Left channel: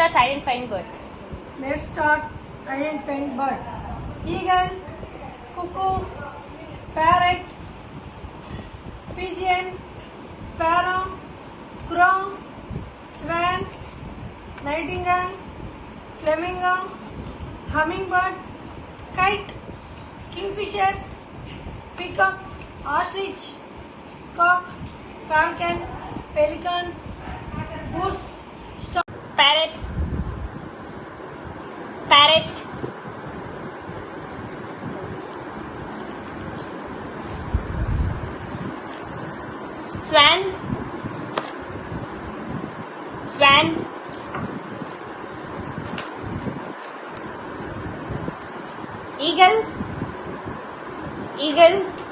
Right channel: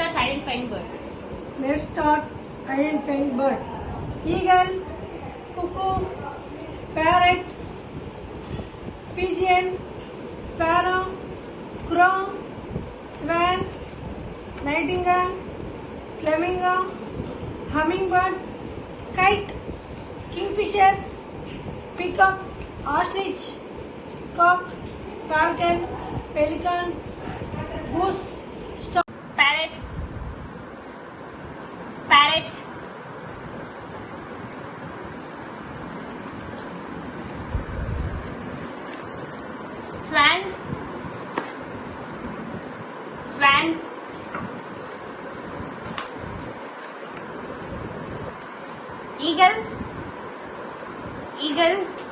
start identifying birds. Let's start identifying birds. Eagle, cuckoo, parrot, pigeon, sparrow, crow, swan, nightingale, flamingo, hummingbird, kite, kingfisher, peacock, ostrich, cock, falcon, pelican, goose, stork. Parrot, parrot, swan, swan, eagle, eagle,